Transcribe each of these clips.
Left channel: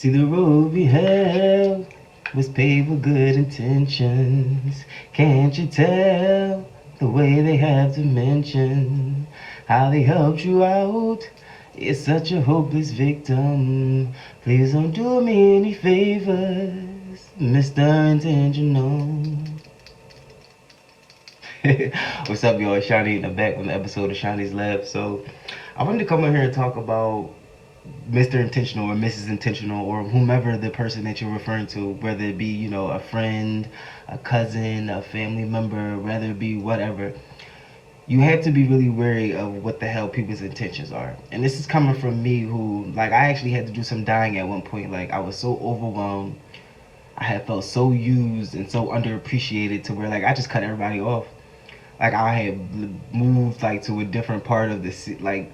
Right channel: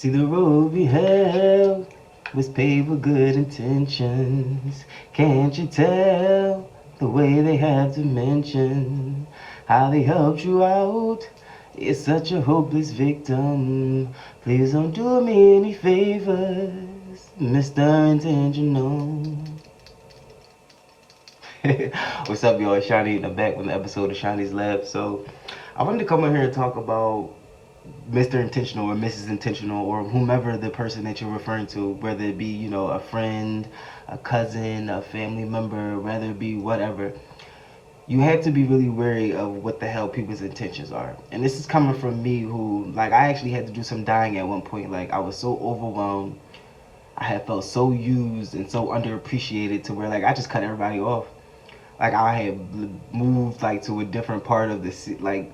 See, the road we have was paved with good intentions. Can't you tell the way they have to mention how they helped you out? You're such a hopeless victim. Please don't do me any favors, Mr. Intentional. What's up, y'all? It's Shawnee in the back on the episode of Shawnee's Lab. So, I wanted to come on here and talk about Mr. Intentional or Mrs. Intentional or whomever the person that you're referring to, whether it be, a friend, a cousin, a family member, whether it be whatever. You have to be really wary of what the hell people's intentions are. And this is coming from me who, like, I actually had to do some dying at one point. Like, I was so overwhelmed. I had felt so used and so underappreciated to where, like, I just cut everybody off. Like, I had moved, like, to a different part of the city. Like,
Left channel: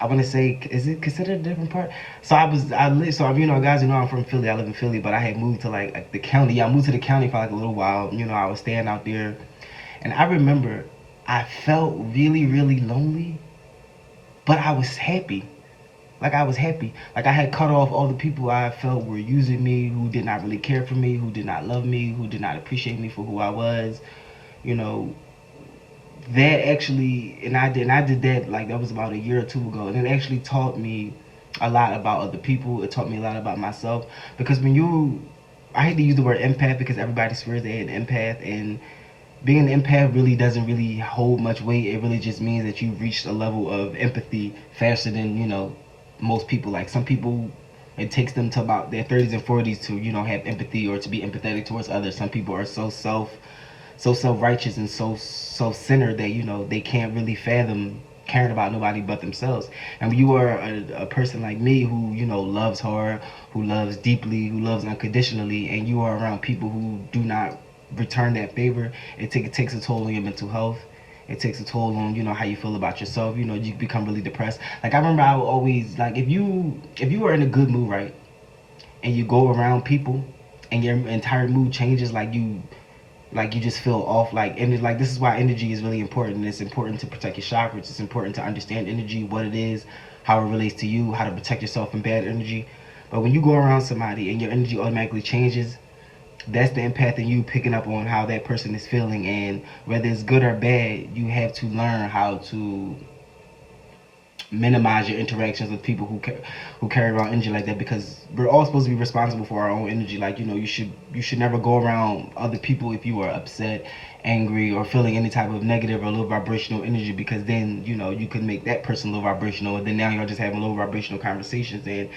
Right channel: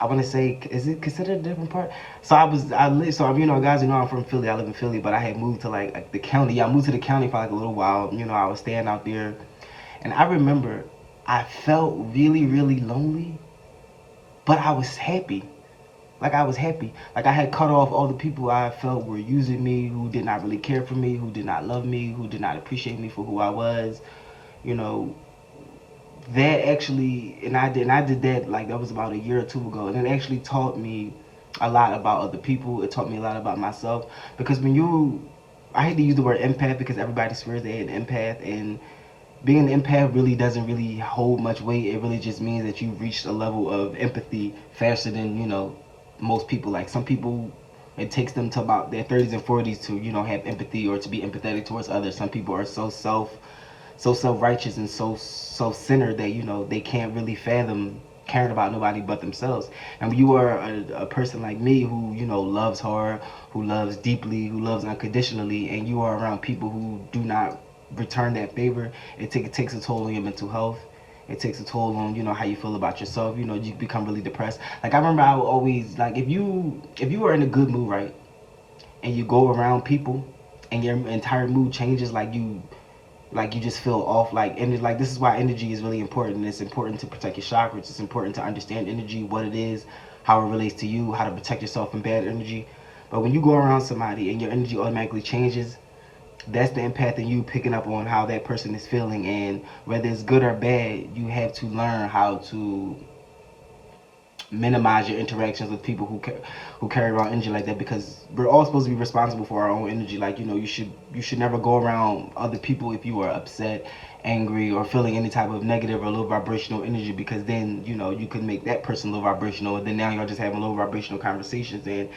I want to say, is it considered a different part? So guys, I'm from Philly. I live in Philly, but I had moved to like the county. Yeah, I moved to the county for like a little while. I was staying out there, and I remember I felt really, really lonely, but I was happy. Like I was happy. Like I had cut off all the people I felt were using me, who did not really care for me, who did not love me, who did not appreciate me for who I was. You know, that actually, and I did that, like, that was about a year or two ago, and it actually taught me a lot about other people. It taught me a lot about myself, because I hate to use the word empath because everybody swears they're an empath, and being an empath really doesn't really hold much weight. It really just means that you've reached a level of empathy faster than most people. Like some people, it takes them to about their 30s and 40s to have empathy or to be empathetic towards others. Some people are so self-righteous and so centered that they can't really fathom caring about nobody but themselves. And when you are a person like me who loves hard, who loves deeply, who loves unconditionally, and you are around people who do not return that favor, it takes a toll on your mental health. It takes a toll on how you feel about yourself. You become really depressed. Like I remember I would always, like, if you were in a good mood, right, and you go around people and your entire mood changes, like you just feel off. Like this is why energy is really important. It's important to protect your chakras. It's important to understand energy, what it is, how it relates to you, how to protect yourself from bad energy. But when you go around somebody and your energy automatically changes, that's the empath in you picking up on how that person is feeling, and whether it's good or bad, you have to learn how to minimize your interactions with people who carry around energy like that, because we're all supposed to be responsible for our own energy. Like you should never go around other people if you are upset, angry, or feeling any type of negative or low vibrational energy, because then you can make that person low vibrational, and then now you're just having low vibrational conversations. And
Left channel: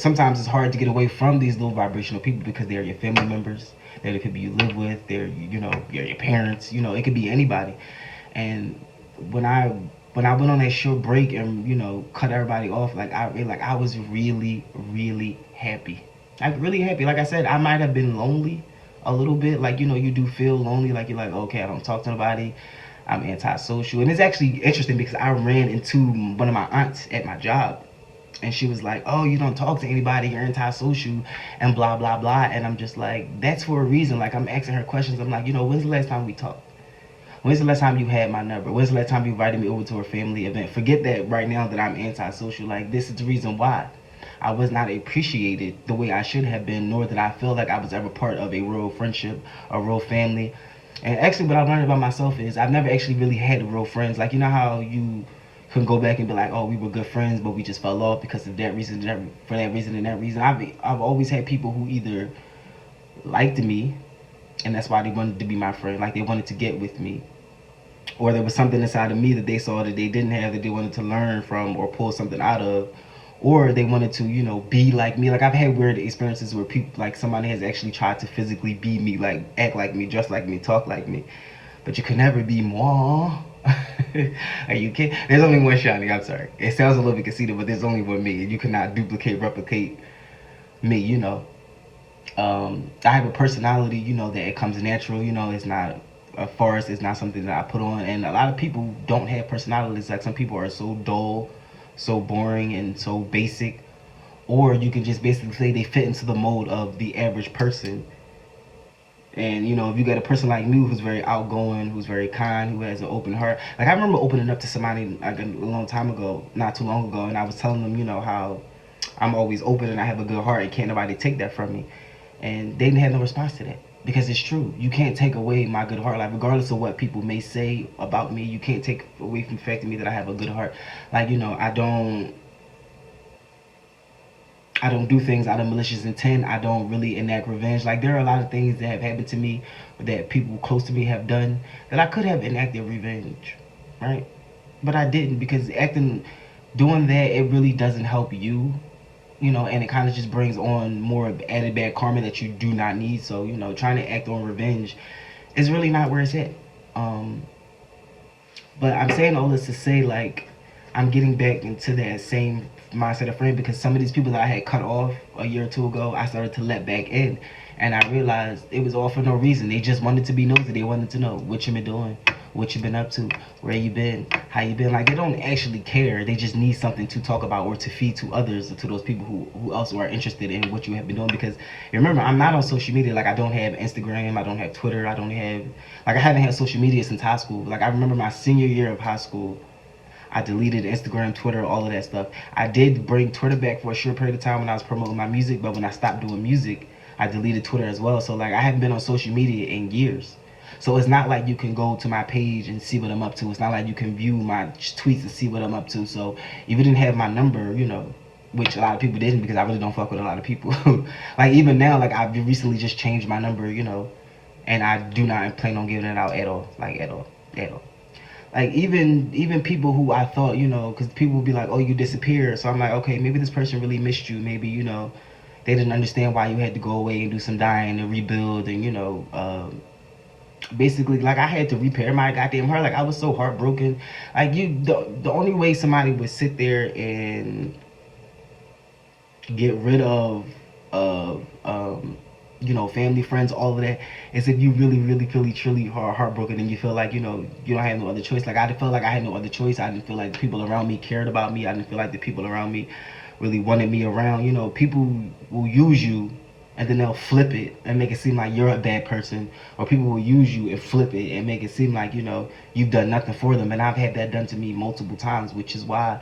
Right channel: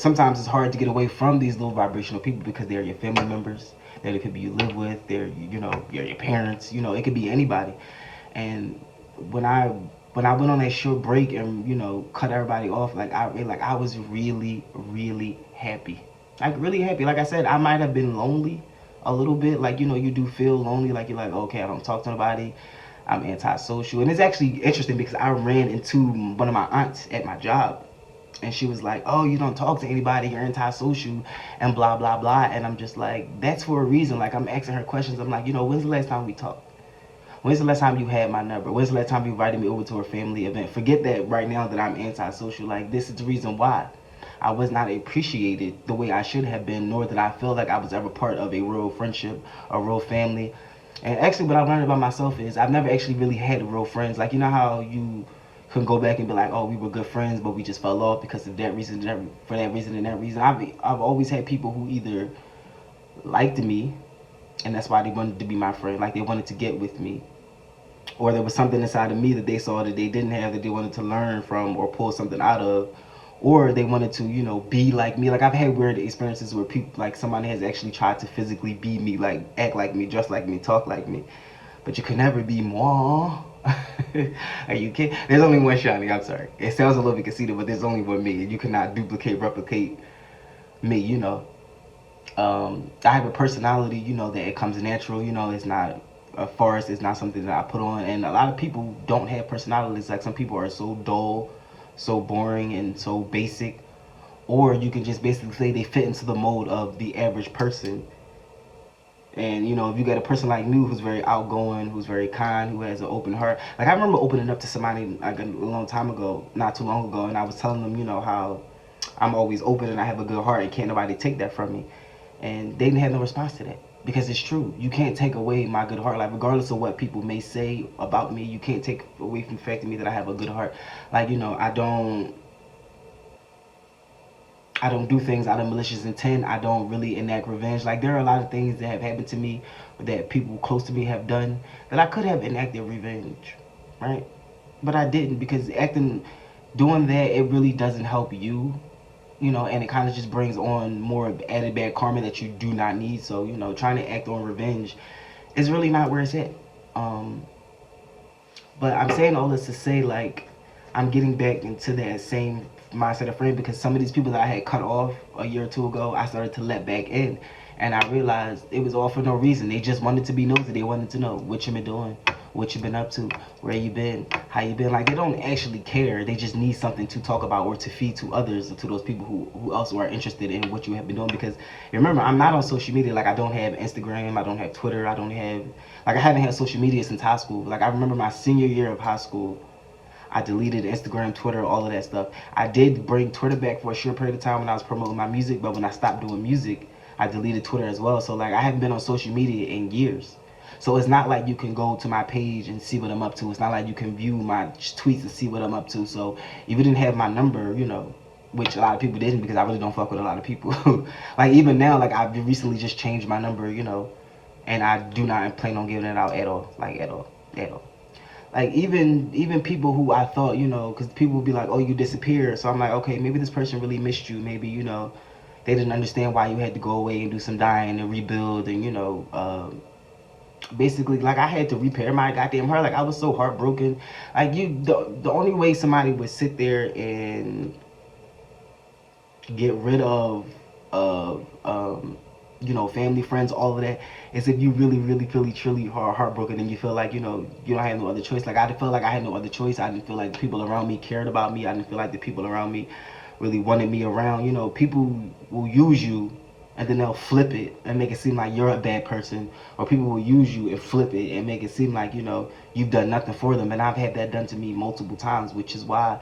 sometimes it's hard to get away from these low vibrational people because they're your family members, they're the people you live with, they're your parents, it could be anybody. And when I went on that short break and cut everybody off, I was really, really happy. Like really happy. Like I said, I might have been lonely a little bit. Like you do feel lonely. Like you're like, okay, I don't talk to nobody. I'm antisocial. And it's actually interesting because I ran into one of my aunts at my job, and she was like, "Oh, you don't talk to anybody. You're antisocial, and blah blah blah." And I'm just like, "That's for a reason." Like I'm asking her questions. I'm like, when's the last time we talked? When's the last time you had my number? When's the last time you invited me over to a family event? Forget that right now that I'm antisocial. Like, this is the reason why. I was not appreciated the way I should have been, nor did I feel like I was ever part of a real friendship, a real family. And actually, what I learned about myself is I've never actually really had real friends. Like, you know how you can go back and be like, oh, we were good friends, but we just fell off because of that reason, for that reason and that reason. I've always had people who either liked me, and that's why they wanted to be my friend. Like they wanted to get with me, or there was something inside of me that they saw that they didn't have, that they wanted to learn from or pull something out of, or they wanted to be like me. Like I've had weird experiences where people, like somebody has actually tried to physically be me, like act like me, dress like me, talk like me, but you can never be moi. Are you kidding? There's only one Shawnee. I'm sorry, it sounds a little bit conceited, but there's only one me. You cannot replicate me. I have a personality, that it comes natural. It's not a force. It's not something that I put on. And a lot of people don't have personalities. Like some people are so dull, so boring, and so basic. Or you can just basically say they fit into the mold of the average person. And if you got a person like me who's very outgoing, who's very kind, who has an open heart. Like I remember opening up to somebody like a long time ago, not too long ago, and I was telling them, how I'm always open and I have a good heart and can't nobody take that from me. And they didn't have no response to that. Because it's true. You can't take away my good heart. Like, regardless of what people may say about me, you can't take away from the fact of me that I have a good heart. Like, I don't do things out of malicious intent. I don't really enact revenge. Like, there are a lot of things that have happened to me that people close to me have done that I could have enacted revenge, right? But I didn't, because doing that, it really doesn't help you, and it kind of just brings on more added bad karma that you do not need. So, trying to act on revenge is really not where it's at. But I'm saying all this to say, like, I'm getting back into that same mindset of friend, because some of these people that I had cut off a year or two ago, I started to let back in. And I realized it was all for no reason. They just wanted to be nosy. They wanted to know what you been doing, what you been up to, where you been, how you been. Like, they don't actually care. They just need something to talk about or to feed to others, or to those people who also are interested in what you have been doing. Because remember, I'm not on social media. Like, I don't have Instagram. I don't have Twitter. I haven't had social media since high school. Like, I remember my senior year of high school, I deleted Instagram, Twitter, all of that stuff. I did bring Twitter back for a short period of time when I was promoting my music, but when I stopped doing music, I deleted Twitter as well. So, like, I haven't been on social media in years. So it's not like you can go to my page and see what I'm up to. It's not like you can view my tweets and see what I'm up to. So if you didn't have my number, which a lot of people didn't, because I really don't fuck with a lot of people. Like, even now, like, I've recently just changed my number, and I do not plan on giving it out at all. Like, at all. At all. Like, even people who I thought, because people would be like, oh, you disappeared. So I'm like, okay, maybe this person really missed you. Maybe, they didn't understand why you had to go away and do some dying and rebuild and, basically, like, I had to repair my goddamn heart. Like, I was so heartbroken. Like, the only way somebody would sit there and get rid of family, friends, all of that, is if you really, really, truly are heartbroken, and you feel like, you don't have no other choice. Like, I felt like I had no other choice. I didn't feel like the people around me cared about me. I didn't feel like the people around me really wanted me around. People will use you, and then they'll flip it and make it seem like you're a bad person, or people will use you and flip it and make it seem like, you've done nothing for them. And I've had that done to me multiple times, which is why,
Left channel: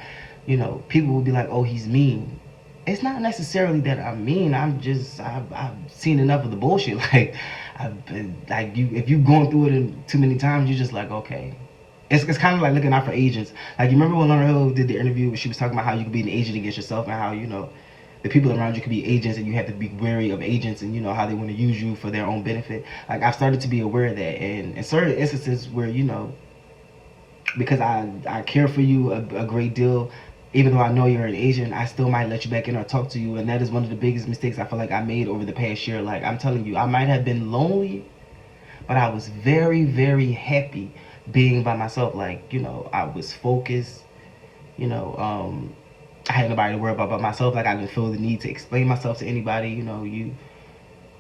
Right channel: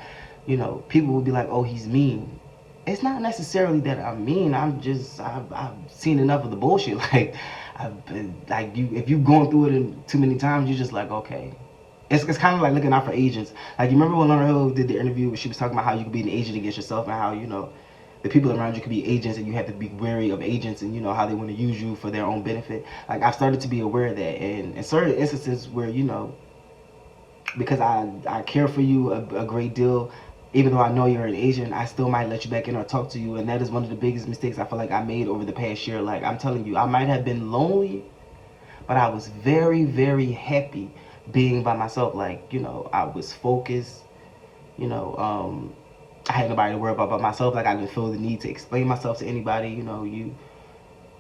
people will be like, oh, he's mean. It's not necessarily that I'm mean. I've seen enough of the bullshit. Like, if you've gone through it too many times, you're just like, okay. It's kind of like looking out for agents. Like, you remember when Lauryn Hill did the interview where she was talking about how you could be an agent against yourself, and how, the people around you could be agents, and you have to be wary of agents, and how they want to use you for their own benefit. Like, I've started to be aware of that, and in certain instances where, because I care for you a great deal, even though I know you're an agent, I still might let you back in or talk to you. And that is one of the biggest mistakes I feel like I made over the past year. Like, I'm telling you, I might have been lonely, but I was very, very happy being by myself. Like, I was focused, I had nobody to worry about but myself. Like, I didn't feel the need to explain myself to anybody.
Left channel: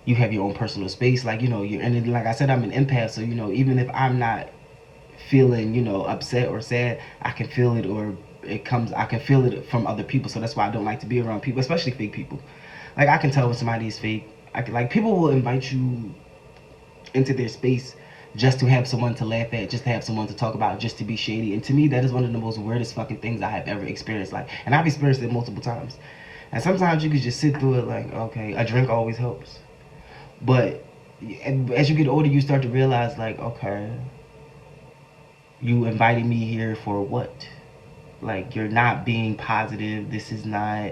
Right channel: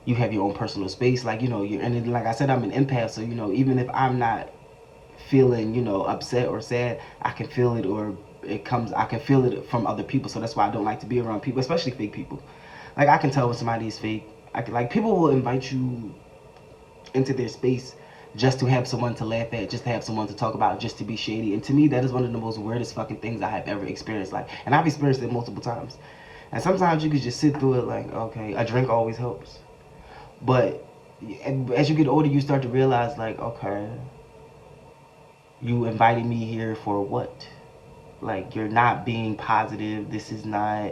You have your own personal space. Like, and like I said, I'm an empath. So, even if I'm not feeling, upset or sad, I can feel it, or I can feel it from other people. So that's why I don't like to be around people, especially fake people. Like, I can tell when somebody is fake. Like, people will invite you into their space just to have someone to laugh at, just to have someone to talk about, just to be shady. And to me, that is one of the most weirdest fucking things I have ever experienced. Like, and I've experienced it multiple times. And sometimes you can just sit through it like, okay, a drink always helps. But as you get older, you start to realize, like, okay, you invited me here for what? Like, you're not being positive. This is not,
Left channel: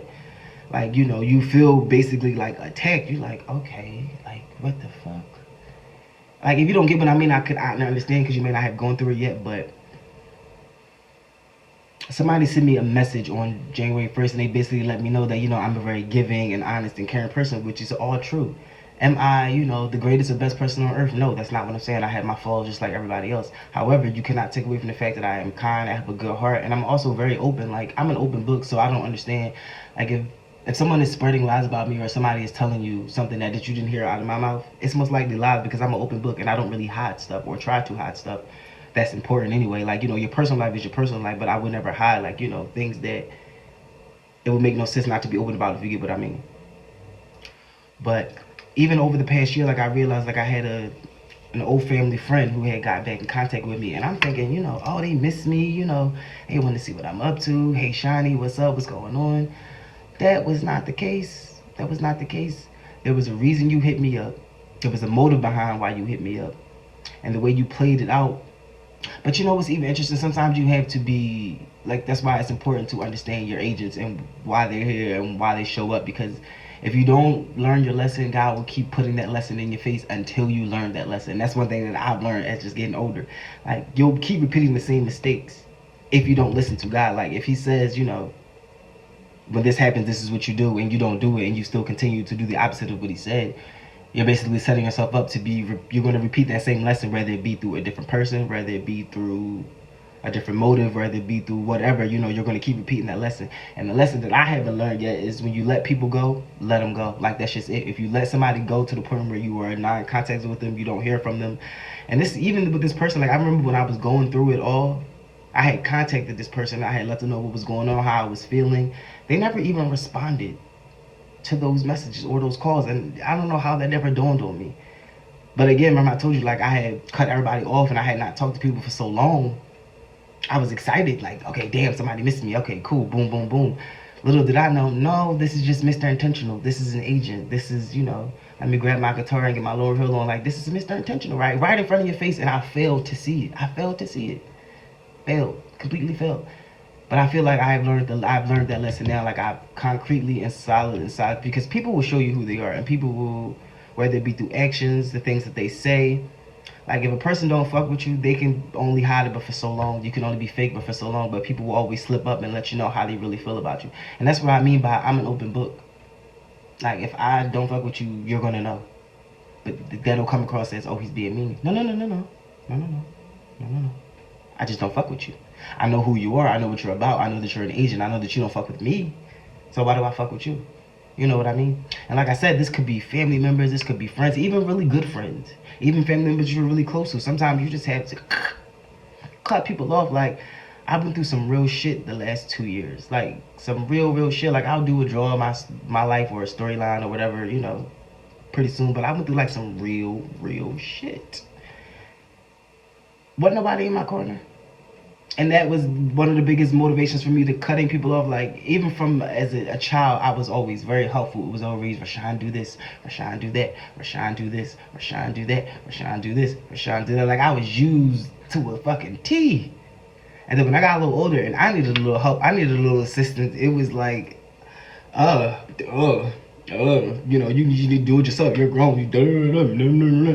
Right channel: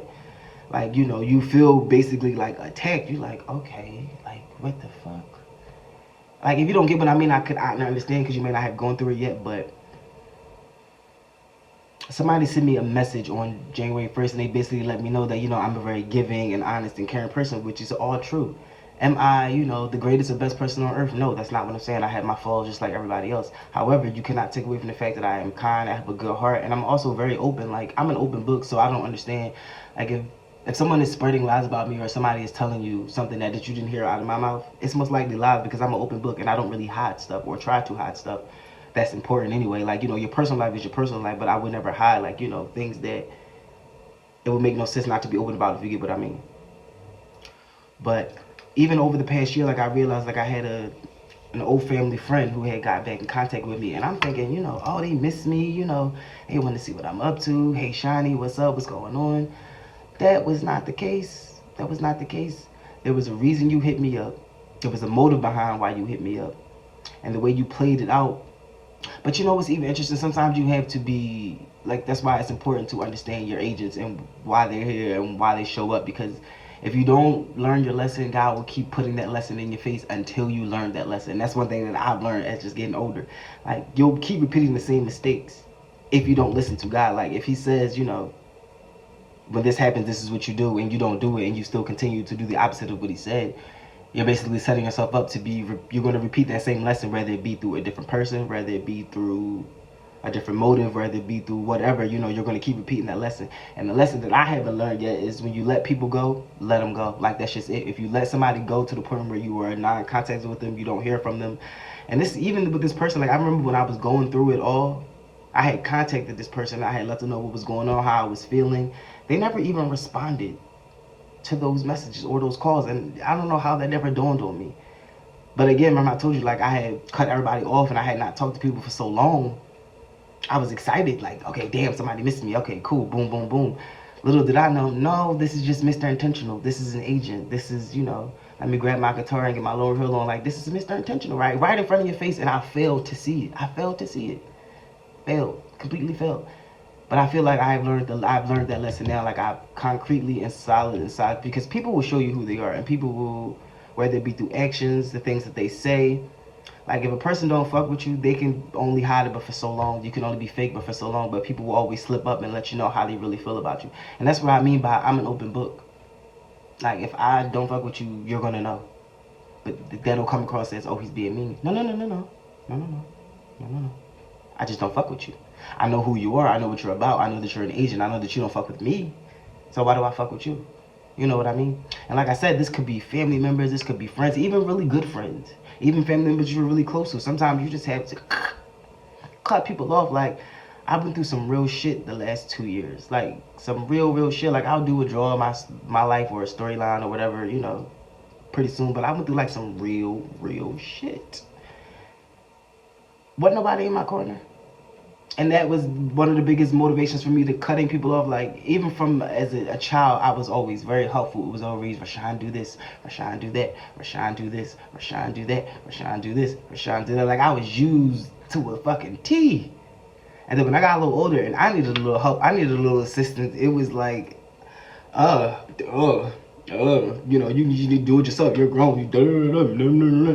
like, you feel basically like attacked. You're like, okay, like, what the fuck? Like, if you don't get what I mean, I understand, because you may not have gone through it yet, but somebody sent me a message on January 1st, and they basically let me know that, I'm a very giving and honest and caring person, which is all true. Am I, the greatest or best person on earth? No, that's not what I'm saying. I have my flaws just like everybody else. However, you cannot take away from the fact that I am kind, I have a good heart, and I'm also very open. Like, I'm an open book, so I don't understand. Like, if someone is spreading lies about me, or somebody is telling you something that you didn't hear out of my mouth, it's most likely lies, because I'm an open book, and I don't really hide stuff or try to hide stuff that's important anyway. Like, your personal life is your personal life, but I would never hide, like, things that it would make no sense not to be open about, if you get what I mean. But even over the past year, like, I realized, like, I had an old family friend who had got back in contact with me, and I'm thinking, they miss me, they want to see what I'm up to. Hey, Shiny, what's up? What's going on? That was not the case. That was not the case. There was a reason you hit me up. There was a motive behind why you hit me up. And the way you played it out. But you know what's even interesting? Sometimes you have to be like, that's why it's important to understand your agents and why they're here and why they show up. Because if you don't learn your lesson, God will keep putting that lesson in your face until you learn that lesson. That's one thing that I've learned as just getting older. Like, you'll keep repeating the same mistakes if you don't listen to God. Like, if He says, you know, when this happens, this is what you do, and you don't do it, and you still continue to do the opposite of what He said, you're basically setting yourself up to be, you're going to repeat that same lesson, whether it be through a different person, whether it be through a different motive, whether it be through whatever, you know, you're going to keep repeating that lesson. And the lesson that I haven't learned yet is when you let people go, let them go. Like, that's just it. If you let somebody go to the point where you are not in contact with them, you don't hear from them. And this, even with this person, like, I remember when I was going through it all, I had contacted this person. I had let them know what was going on, how I was feeling. They never even responded to those messages or those calls, and I don't know how that never dawned on me. But again, remember I told you, like, I had cut everybody off and I had not talked to people for so long. I was excited, like, okay, damn, somebody missed me. Okay, cool, boom, boom, boom. Little did I know, no, this is just Mr. Intentional. This is an agent. This is, you know, let me grab my guitar and get my Lauryn Hill on. Like, this is Mr. Intentional, right in front of your face, and I failed to see it. I failed to see it. Failed, completely failed. But I feel like I've learned that lesson now. Like, I've concretely and solid inside, because people will show you who they are, and people will, whether it be through actions, the things that they say. Like, if a person don't fuck with you, they can only hide it but for so long. You can only be fake but for so long. But people will always slip up and let you know how they really feel about you. And that's what I mean by I'm an open book. Like, if I don't fuck with you, you're gonna know. But that'll come across as, oh, he's being mean. No. I just don't fuck with you. I know who you are. I know what you're about. I know that you're an agent. I know that you don't fuck with me. So why do I fuck with you? You know what I mean? And like I said, this could be family members. This could be friends. Even really good friends. Even family members you're really close to. Sometimes you just have to cut people off. Like, I've been through some real shit the last 2 years. Like, some real shit. Like, I'll do a draw of my life or a storyline or whatever, you know, pretty soon. But I went through, like, some real shit. Wasn't nobody in my corner. And that was one of the biggest motivations for me to cutting people off. Like, even from as a child, I was always very helpful. It was always, Rashawn, do this, Rashawn, do that, Rashawn, do this, Rashawn, do that, Rashawn, do this, Rashawn, do that. Like, I was used to a fucking T. And then when I got a little older and I needed a little help, I needed a little assistance, it was like, you know, you need to do it yourself. You're grown.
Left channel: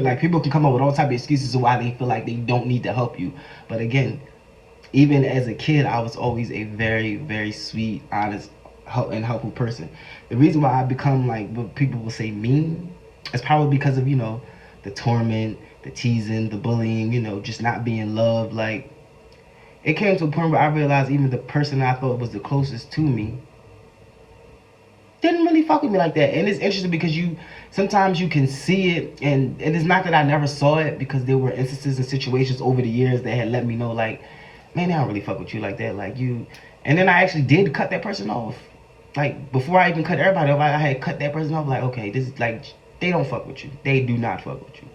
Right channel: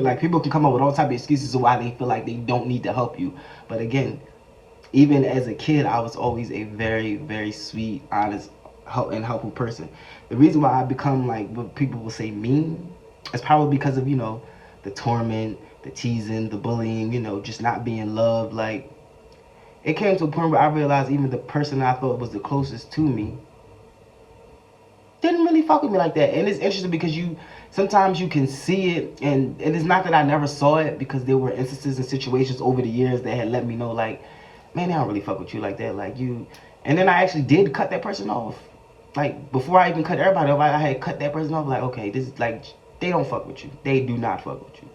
Like, people can come up with all type of excuses of why they feel like they don't need to help you. But again, even as a kid, I was always a very sweet, honest, and helpful person. The reason why I become, like, what people will say mean is probably because of, you know, the torment, the teasing, the bullying, you know, just not being loved. Like, it came to a point where I realized even the person I thought was the closest to me didn't really fuck with me like that. And it's interesting because sometimes you can see it, and it's not that I never saw it, because there were instances and situations over the years that had let me know, like, man, they don't really fuck with you like that. Like, you. And then I actually did cut that person off. Like, before I even cut everybody off, I had cut that person off. Like, okay, this is like, they don't fuck with you. They do not fuck with you.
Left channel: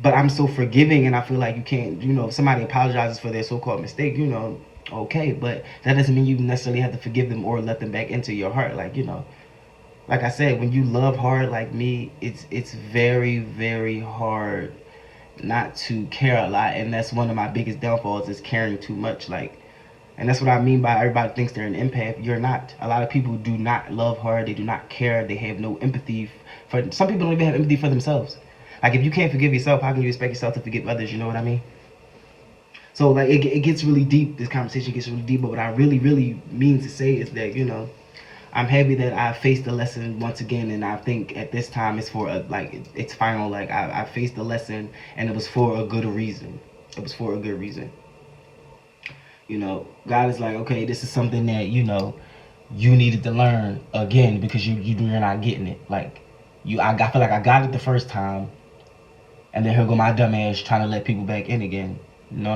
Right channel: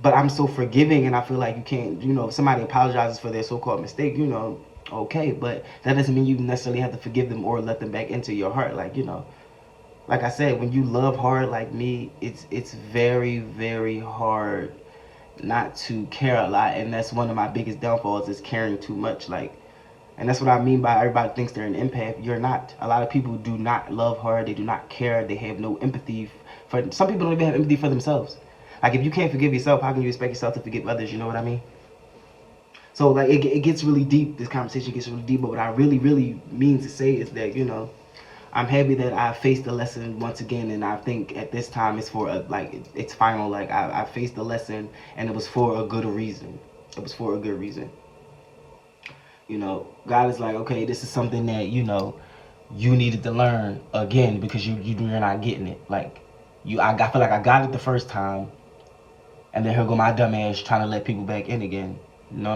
But I'm so forgiving, and I feel like you can't, you know, if somebody apologizes for their so-called mistake, you know, okay. But that doesn't mean you necessarily have to forgive them or let them back into your heart. Like, you know, like I said, when you love hard like me, it's very hard not to care a lot. And that's one of my biggest downfalls, is caring too much. Like, and that's what I mean by everybody thinks they're an empath. You're not. A lot of people do not love hard. They do not care. They have no empathy for, some people don't even have empathy for themselves. Like, if you can't forgive yourself, how can you expect yourself to forgive others? You know what I mean? So, like, it gets really deep. This conversation gets really deep. But what I really mean to say is that, you know, I'm happy that I faced the lesson once again, and I think at this time it's for it's final. Like, I faced the lesson, and it was for a good reason. It was for a good reason. You know, God is like, okay, this is something that, you know, you needed to learn again, because you're not getting it. Like, I feel like I got it the first time, and then here go my dumb ass trying to let people back in again. No.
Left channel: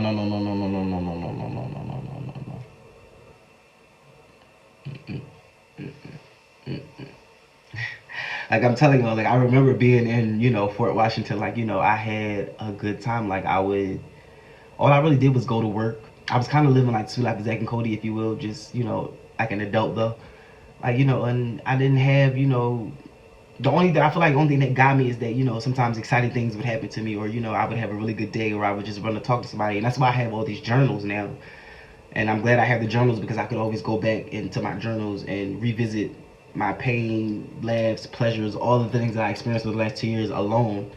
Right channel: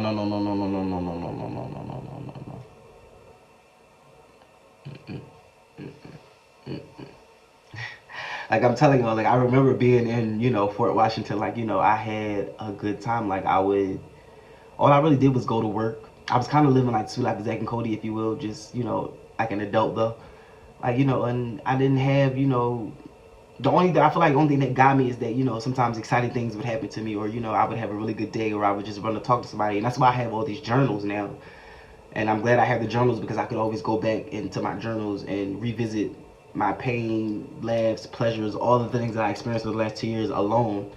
Like, I'm telling y'all, like, I remember being in, you know, Fort Washington. Like, you know, I had a good time. Like, all I really did was go to work. I was kind of living like Two Life of Zack and Cody, if you will. Just, you know, like an adult though. Like, and I didn't have, the only thing I feel like the only thing that got me is that, sometimes exciting things would happen to me, or, I would have a really good day, or I would just run to talk to somebody. And that's why I have all these journals now. And I'm glad I have the journals, because I could always go back into my journals and revisit my pain, laughs, pleasures, all the things that I experienced over the last 2 years alone,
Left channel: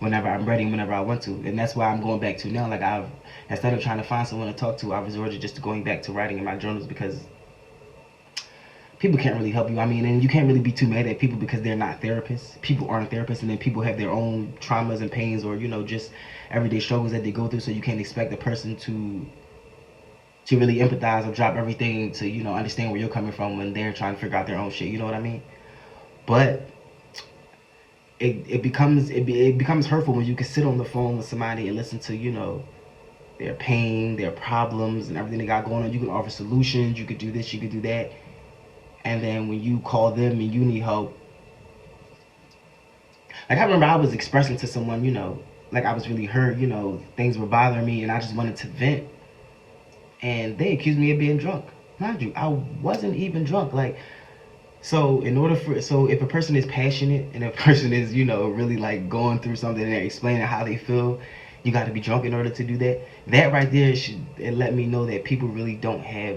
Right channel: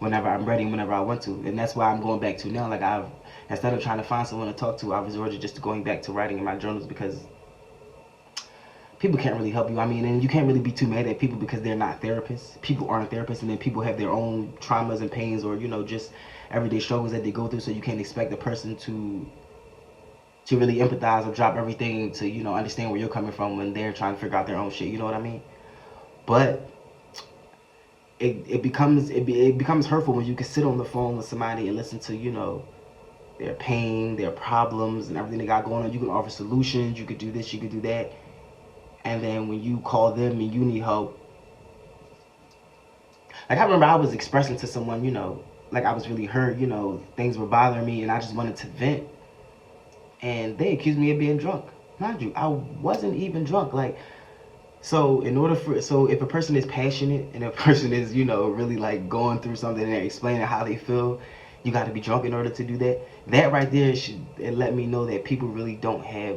whenever I'm ready, whenever I want to. And that's why I'm going back to now. Like, instead of trying to find someone to talk to, I've resorted just to going back to writing in my journals, because people can't really help you. I mean, and you can't really be too mad at people because they're not therapists. People aren't therapists, and then people have their own traumas and pains, or, just everyday struggles that they go through. So you can't expect a person to really empathize or drop everything to, understand where you're coming from when they're trying to figure out their own shit. You know what I mean? But it becomes hurtful when you can sit on the phone with somebody and listen to, their pain, their problems, and everything they got going on. You can offer solutions. You could do this. You could do that. And then when you call them and you need help, like, I remember I was expressing to someone, like, I was really hurt, things were bothering me, and I just wanted to vent. And they accused me of being drunk. Mind you, I wasn't even drunk. Like, so if a person is passionate and a person is, really like going through something and they're explaining how they feel, you got to be drunk in order to do that. That right there should let me know that people really don't have,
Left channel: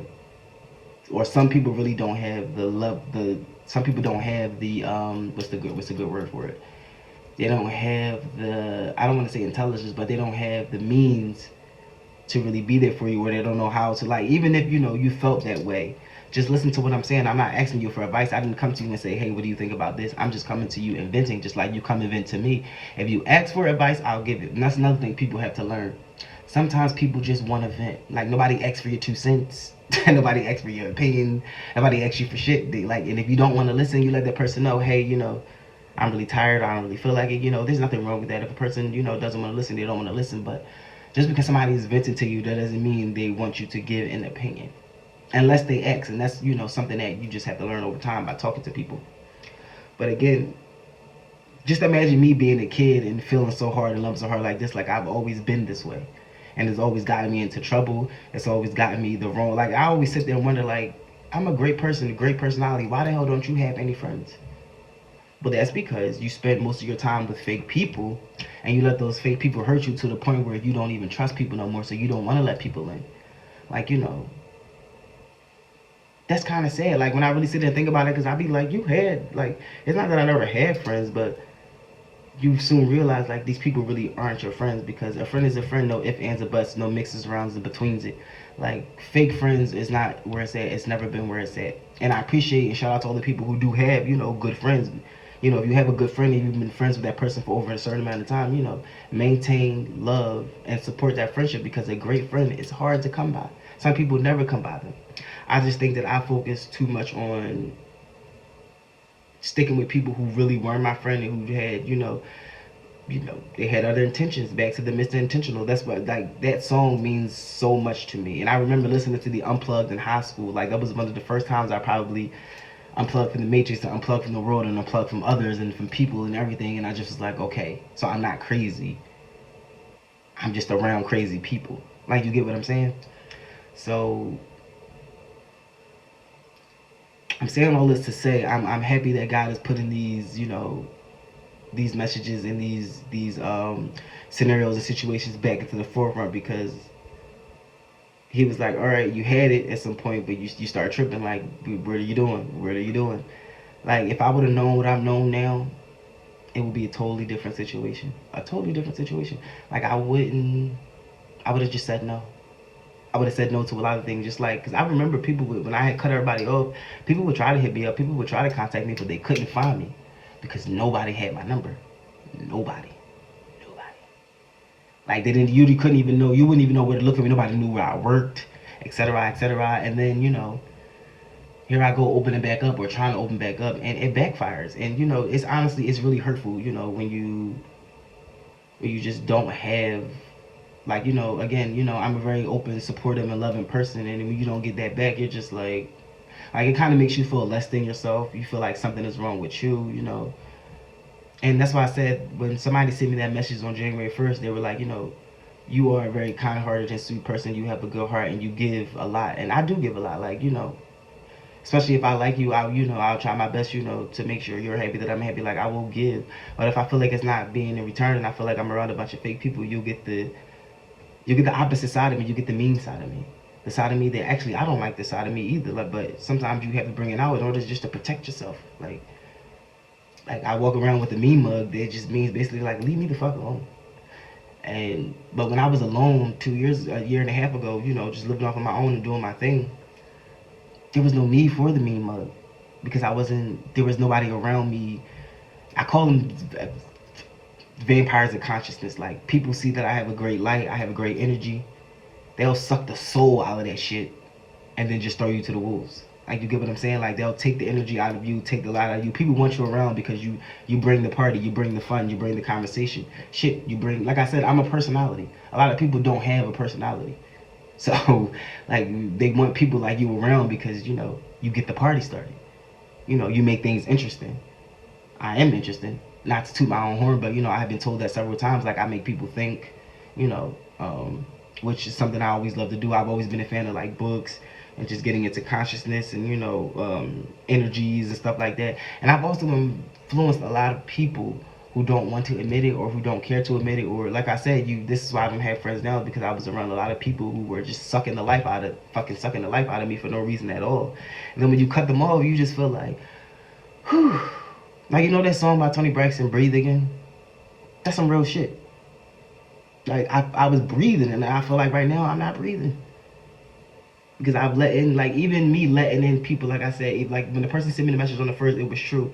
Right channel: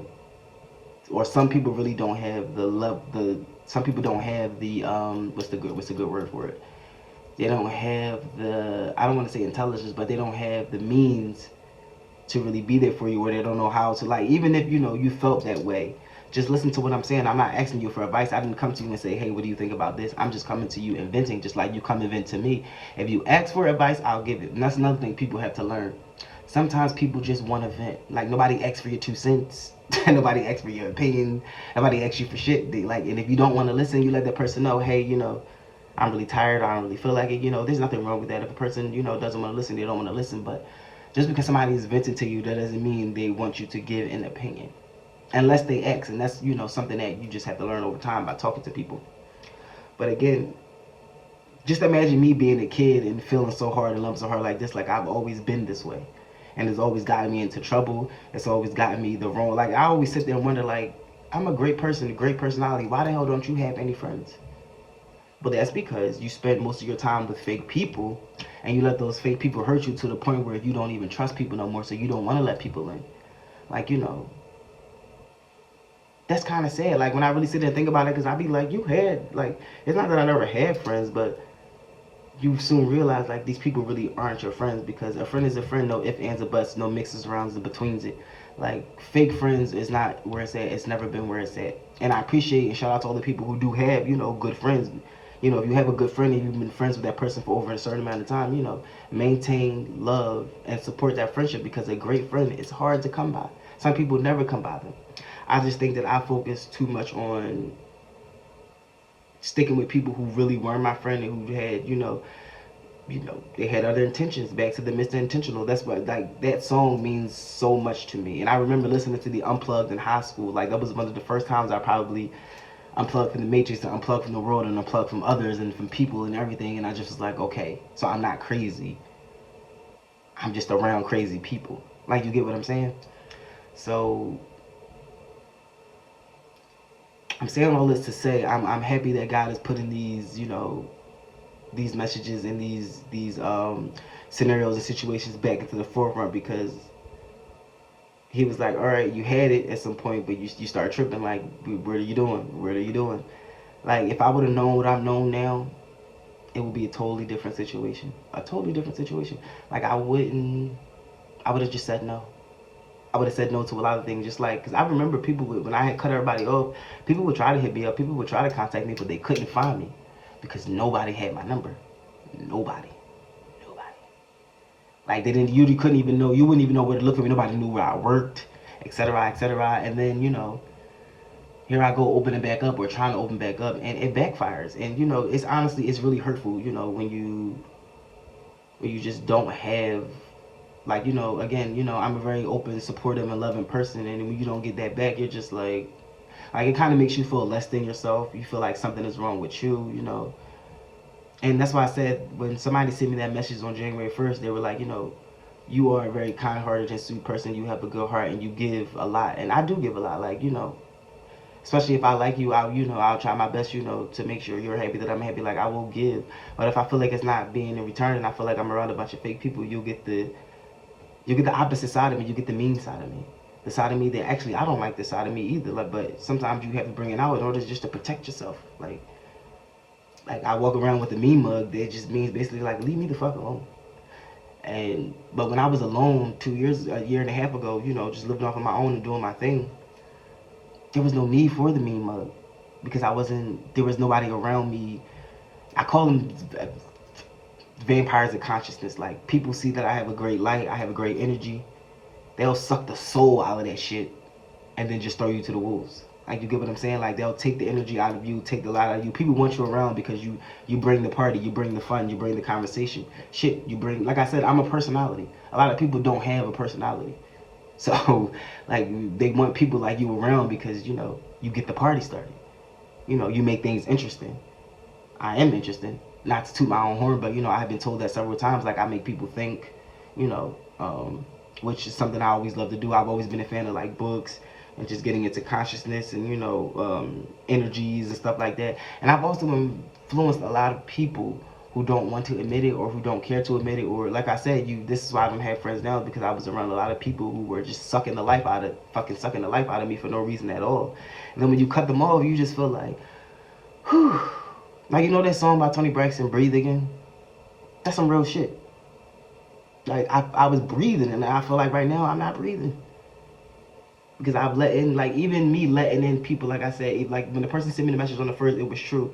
or some people really don't have the love. Some people don't have the what's the good word for it? They don't have the, I don't want to say intelligence, but they don't have the means to really be there for you, or they don't know how to, like, even if you felt that way, just listen to what I'm saying. I'm not asking you for advice. I didn't come to you and say, hey, what do you think about this? I'm just coming to you and venting, just like you come and vent to me. If you ask for advice, I'll give it. And that's another thing people have to learn. Sometimes people just want to vent. Like, nobody asks for your 2 cents. Nobody asks for your opinion. Nobody asks you for shit. And if you don't want to listen, you let that person know, hey, I'm really tired. I don't really feel like it. There's nothing wrong with that. If a person, doesn't want to listen, they don't want to listen. But just because somebody is venting to you, that doesn't mean they want you to give an opinion. Unless they ask, and that's, something that you just have to learn over time by talking to people. But again, just imagine me being a kid and feeling so hard and loving so hard like this. Like, I've always been this way. And it's always gotten me into trouble. It's always gotten me the wrong. Like, I always sit there and wonder, like, I'm a great person, a great personality. Why the hell don't you have any friends? But that's because you spend most of your time with fake people, and you let those fake people hurt you to the point where you don't even trust people no more, so you don't want to let people in. Like, that's kind of sad. Like, when I really sit there and think about it, because I be like, it's not that I never had friends, but you soon realize, like, these people really aren't your friends, because a friend is a friend, no ifs, ands, or buts, no mixes, rounds, and betweens it. Like, fake friends is not where it's at. It's never been where it's at. And I appreciate and shout out to all the people who do have, good friends. If you have a good friend and you've been friends with that person for over a certain amount of time, maintain love and support that friendship, because a great friend is hard to come by. Some people never come by them. I just think that I focus too much on sticking with people who really weren't my friend and who had, they had other intentions. Back to the Mr. Intentional. That's what, like, that song means so much to me. And I remember listening to the Unplugged in high school. Like, that was one of the first times I probably unplugged from the matrix and unplugged from the world and unplugged from others and from people and everything. And I just was like, okay, so I'm not crazy. I'm just around crazy people. Like, you get what I'm saying? So I'm saying all this to say I'm happy that God is putting these, these messages and these scenarios and situations back into the forefront, because he was like, all right, you had it at some point, but you start tripping. Like, what are you doing? What are you doing? Like, if I would have known what I've known now, it would be a totally different situation. A totally different situation. Like, I would have just said no. I would have said no to a lot of things, just like, because I remember people, when I had cut everybody off, people would try to hit me up, people would try to contact me, but they couldn't find me, because nobody had my number. Nobody. Like, you couldn't even know, you wouldn't even know where to look for me. Nobody knew where I worked, etc., etc. And then, here I go opening back up, or trying to open back up, and it backfires. And, it's really hurtful, when you just don't have, like, again, I'm a very open, supportive, and loving person, and when you don't get that back, you're just like it kind of makes you feel less than yourself. You feel like something is wrong with you, And that's why I said, when somebody sent me that message on January 1st, they were like, you are a very kind-hearted and sweet person. You have a good heart, and you give a lot. And I do give a lot. Like, Especially if I like you, I'll try my best, to make sure you're happy, that I'm happy. Like, I will give. But if I feel like it's not being in return, and I feel like I'm around a bunch of fake people, you get the opposite side of me. You get the mean side of me, the side of me that actually I don't like this side of me either. Like, but sometimes you have to bring it out in order just to protect yourself. Like I walk around with a mean mug that just means basically like leave me the fuck alone. But when I was alone a year and a half ago, just living off on my own and doing my thing, there was no need for the mean mug because there was nobody around me. I call them vampires of consciousness. Like, people see that I have a great light, I have a great energy, they'll suck the soul out of that shit and then just throw you to the wolves. Like, you get what I'm saying? Like, they'll take the energy out of you, take the light out of you. People want you around because you bring the party, you bring the fun, you bring the conversation. Shit, you bring, like I said, I'm a personality. A lot of people don't have a personality. So, like, they want people like you around because, you get the party started. You make things interesting. I am interesting. Not to toot my own horn, but, I've been told that several times. Like, I make people think, which is something I always love to do. I've always been a fan of, like, books and just getting into consciousness and, energies and stuff like that. And I've also influenced a lot of people who don't want to admit it or who don't care to admit it. Or, like I said, this is why I don't have friends now, because I was around a lot of people who were just sucking the life out of me for no reason at all. And then when you cut them off, you just feel like, whew. Like, that song by Toni Braxton, Breathe Again? That's some real shit. Like, I was breathing, and I feel like right now I'm not breathing. Because I've let in, like, even me letting in people, like I said, like, when the person sent me the message on the first, it was true.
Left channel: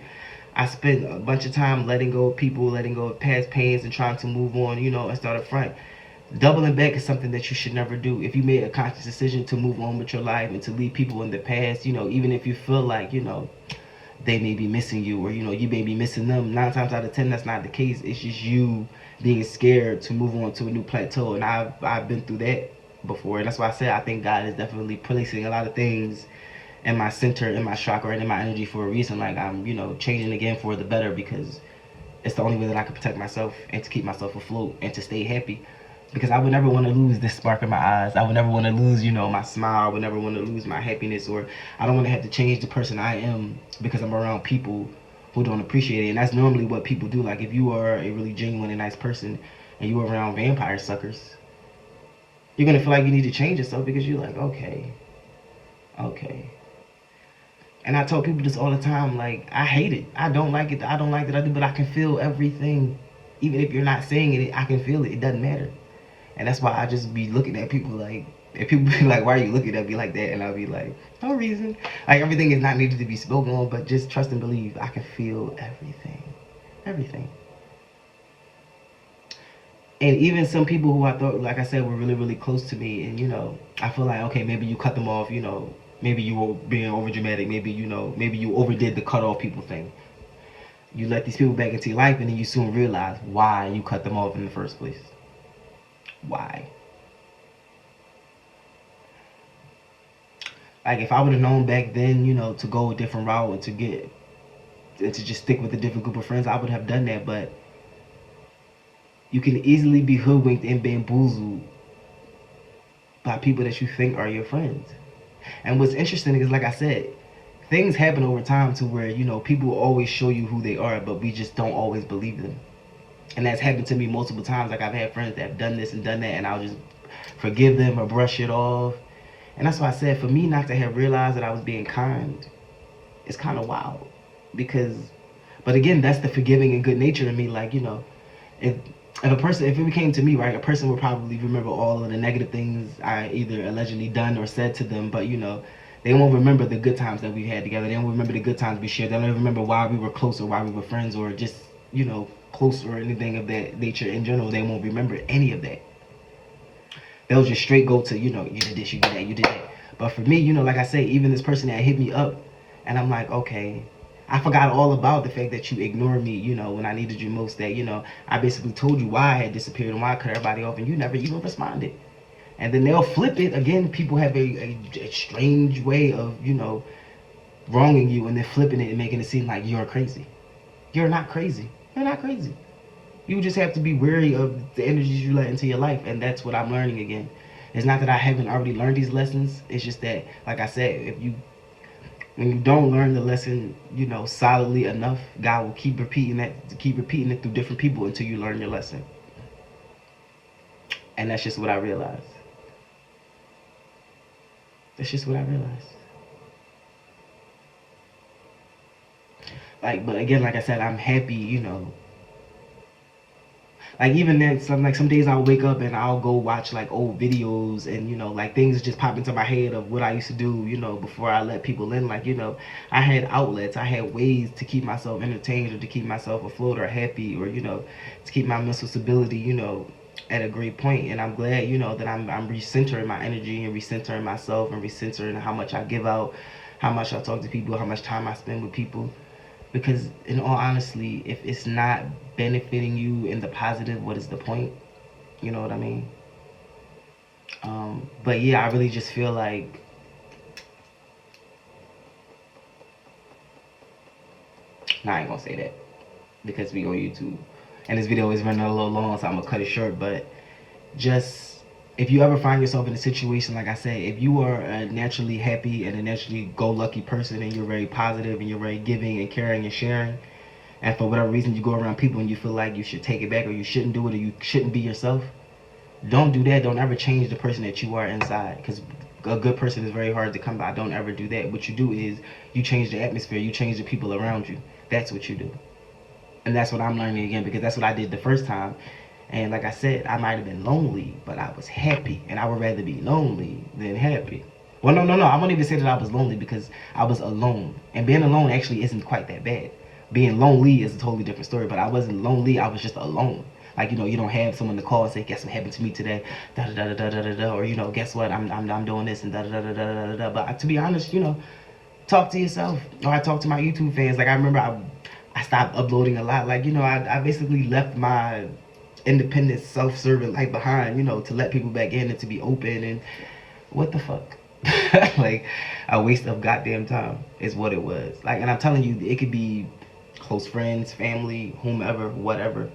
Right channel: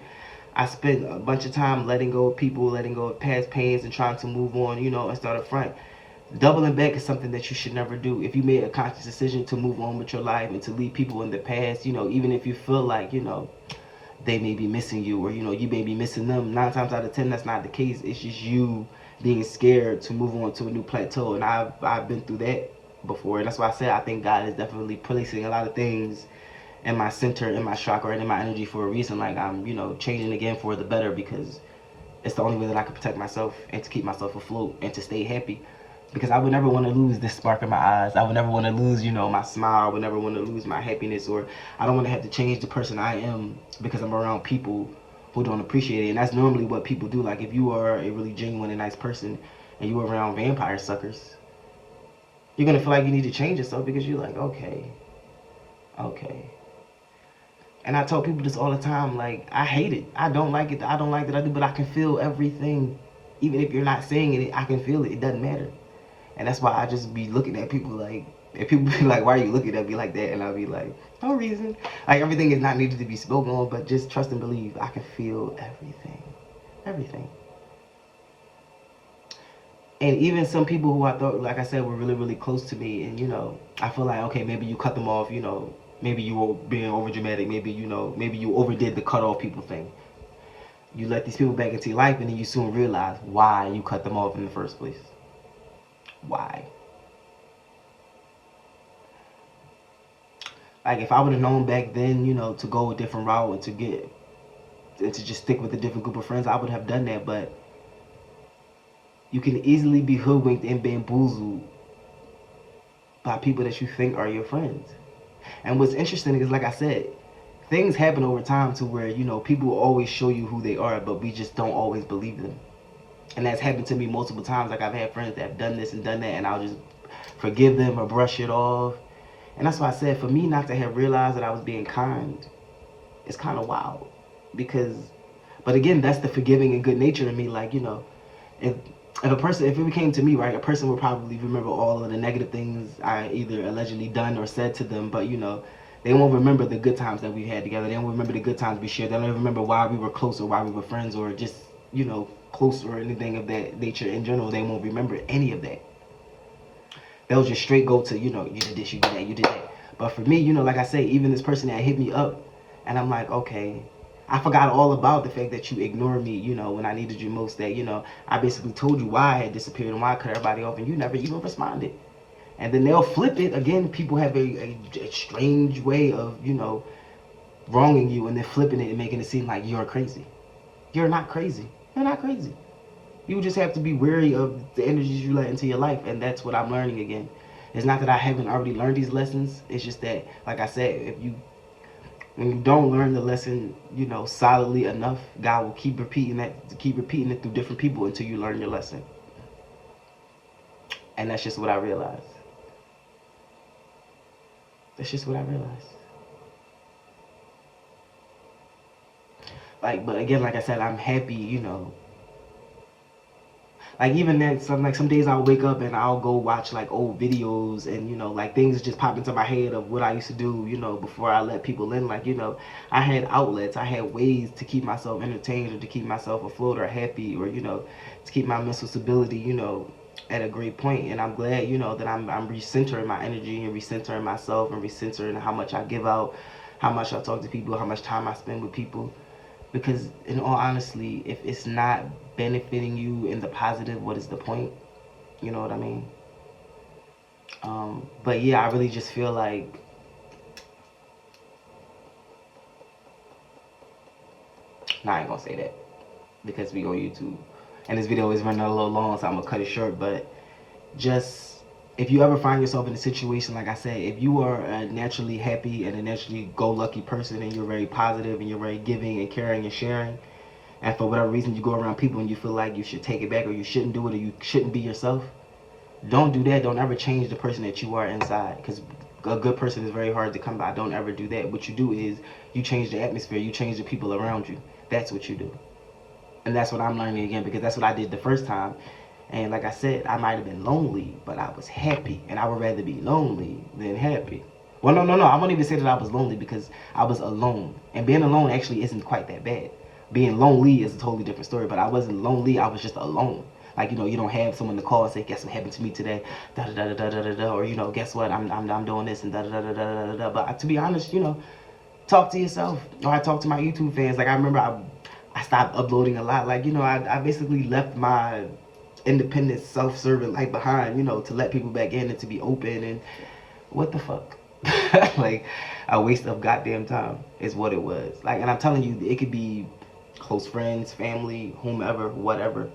I spent a bunch of time letting go of people, letting go of past pains, and trying to move on, and start up front. Doubling back is something that you should never do. If you made a conscious decision to move on with your life and to leave people in the past, even if you feel like, they may be missing you, or you may be missing them, 9 times out of 10 that's not the case. It's just you being scared to move on to a new plateau. And I've been through that before, and that's why I said I think God is definitely placing a lot of things in my center, in my chakra, and in my energy for a reason. Like, I'm changing again for the better, because it's the only way that I can protect myself and to keep myself afloat and to stay happy. Because I would never want to lose this spark in my eyes. I would never want to lose, my smile. I would never want to lose my happiness, or I don't want to have to change the person I am because I'm around people who don't appreciate it. And that's normally what people do. Like, if you are a really genuine and nice person and you're around vampire suckers, you're going to feel like you need to change yourself because you're like, okay. And I tell people this all the time, like, I hate it. I don't like it. I don't like that I do, but I can feel everything. Even if you're not saying it, I can feel it. It doesn't matter. And that's why I just be looking at people like, if people be like, why are you looking at me like that? And I'll be like, no reason. Like, everything is not needed to be spoken on, but just trust and believe. I can feel everything. Everything. And even some people who I thought, like I said, were really, really close to me, and, I feel like, okay, maybe you cut them off, maybe you were being over dramatic, maybe you overdid the cut off people thing. You let these people back into your life, and then you soon realize why you cut them off in the first place. Why? Like, if I would have known back then, to go a different route and to just stick with a different group of friends, I would have done that. But you can easily be hoodwinked and bamboozled by people that you think are your friends. And what's interesting is, like I said, things happen over time to where, people will always show you who they are, but we just don't always believe them. And that's happened to me multiple times. Like, I've had friends that have done this and done that, and I'll just forgive them or brush it off. And that's why I said, for me not to have realized that I was being kind, it's kind of wild. But again, that's the forgiving and good nature in me. Like, if it came to me, right, a person would probably remember all of the negative things I either allegedly done or said to them, but, they won't remember the good times that we had together. They won't remember the good times we shared. They don't remember why we were close or why we were friends or just, close or anything of that nature in general. They won't remember any of that. They'll just straight go to, you did this, you did that, you did that. But for me, like I say, even this person that hit me up, and I'm like, okay, I forgot all about the fact that you ignored me, when I needed you most, that, I basically told you why I had disappeared and why I cut everybody off, and you never even responded. And then they'll flip it. Again, people have a strange way of, wronging you and then flipping it and making it seem like you're crazy. You're not crazy. You're not crazy. You just have to be wary of the energies you let into your life, and that's what I'm learning again. It's not that I haven't already learned these lessons. It's just that, like I said, if you When you don't learn the lesson, solidly enough, God will keep repeating it through different people until you learn your lesson. And that's just what I realized. That's just what I realized. Like, but again, like I said, I'm happy. Like even then, some days I'll wake up and I'll go watch like old videos, and like things just pop into my head of what I used to do, before I let people in. Like, I had outlets, I had ways to keep myself entertained or to keep myself afloat or happy, or to keep my mental stability, at a great point. And I'm glad, that I'm recentering my energy and recentering myself and recentering how much I give out, how much I talk to people, how much time I spend with people. Because in all honesty, if it's not benefiting you in the positive, what is the point? You know what I mean? But yeah, I really just feel like nah, I ain't gonna say that because we on YouTube, and this video is running a little long, so I'm gonna cut it short. But just if you ever find yourself in a situation, like I said, if you are a naturally happy and a naturally go-lucky person, and you're very positive and you're very giving and caring and sharing, and for whatever reason you go around people and you feel like you should take it back or you shouldn't do it or you shouldn't be yourself, don't do that. Don't ever change the person that you are inside, because a good person is very hard to come by. Don't ever do that. What you do is you change the atmosphere, you change the people around you. That's what you do. And that's what I'm learning again, because that's what I did the first time. And like I said, I might have been lonely, but I was happy. And I would rather be lonely than happy. Well, no. I won't even say that I was lonely, because I was alone. And being alone actually isn't quite that bad. Being lonely is a totally different story, but I wasn't lonely. I was just alone. Like, you don't have someone to call and say, guess what happened to me today, da da da da da da da, or guess what, I'm doing this and da da da da da da. But to be honest, talk to yourself. Or I talk to my YouTube fans. Like, I remember I stopped uploading a lot. Like, I basically left my independent, self-serving life behind, to let people back in and to be open. And what the fuck? Like, a waste of goddamn time is what it was. Like, and I'm telling you, it could be close friends, family, whomever, whatever.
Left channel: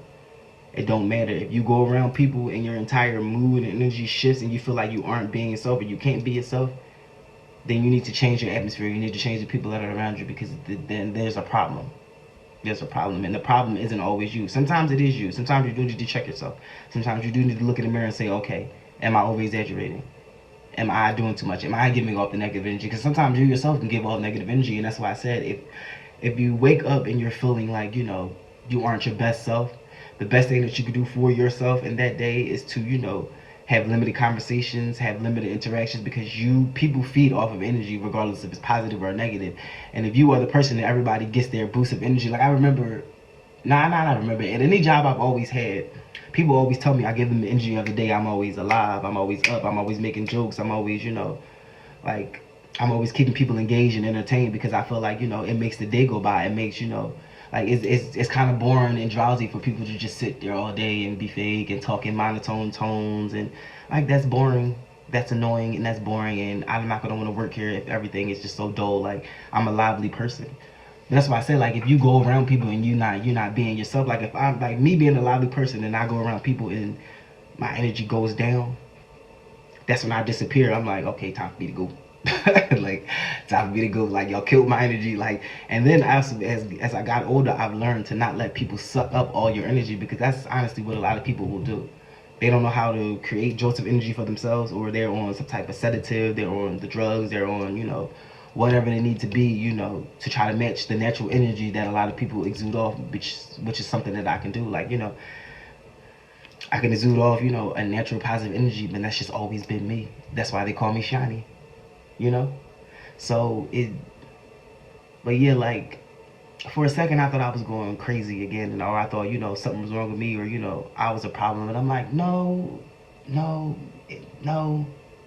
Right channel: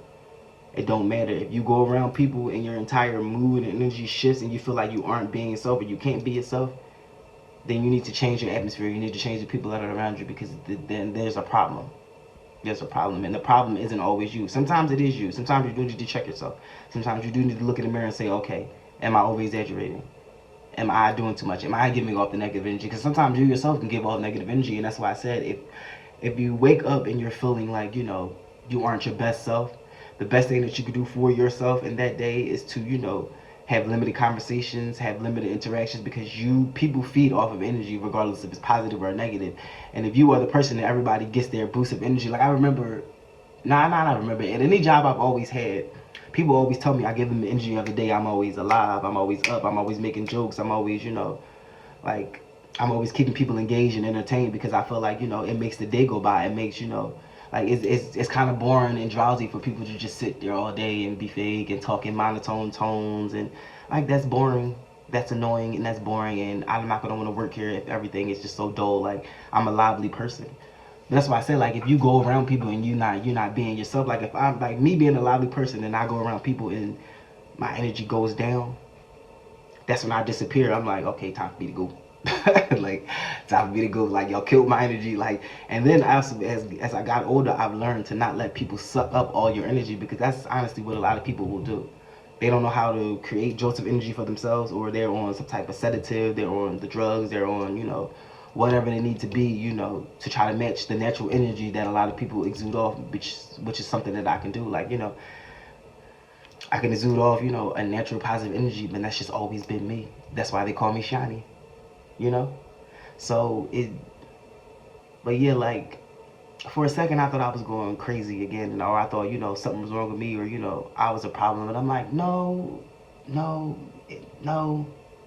It don't matter. If you go around people and your entire mood and energy shifts and you feel like you aren't being yourself or you can't be yourself, then you need to change your atmosphere. You need to change the people that are around you, because then there's a problem. There's a problem, and the problem isn't always you. Sometimes it is you. Sometimes you do need to check yourself. Sometimes you do need to look in the mirror and say, okay, am I over exaggerating? Am I doing too much? Am I giving off the negative energy? Because sometimes you yourself can give off negative energy, and that's why I said if you wake up and you're feeling like you aren't your best self, the best thing that you can do for yourself in that day is to have limited conversations, have limited interactions, because people feed off of energy regardless if it's positive or negative. And if you are the person that everybody gets their boost of energy, like I remember, not remember, in any job I've always had, people always tell me I give them the energy of the day. I'm always alive, I'm always up, I'm always making jokes, I'm always, like, I'm always keeping people engaged and entertained, because I feel like, it makes the day go by. It makes, like, it's kind of boring and drowsy for people to just sit there all day and be fake and talk in monotone tones, and like, that's boring, that's annoying, and that's boring, and I'm not gonna want to work here if everything is just so dull. Like, I'm a lively person. That's why I say, like, if you go around people and you're not being yourself, like if I'm like me being a lively person and I go around people and my energy goes down, that's when I disappear. I'm like, okay, time for me to go. Like, time for me to go. Like, y'all killed my energy. Like, and then as I got older, I've learned to not let people suck up all your energy, because that's honestly what a lot of people will do. They don't know how to create jolts of energy for themselves, or they're on some type of sedative, they're on the drugs, they're on, whatever they need to be, to try to match the natural energy that a lot of people exude off, which is something that I can do. Like, I can exude off, a natural positive energy, but that's just always been me. That's why they call me Shiny, So but yeah, like, for a second I thought I was going crazy again, or I thought, something was wrong with me, or, I was a problem. And I'm like, no, no, no,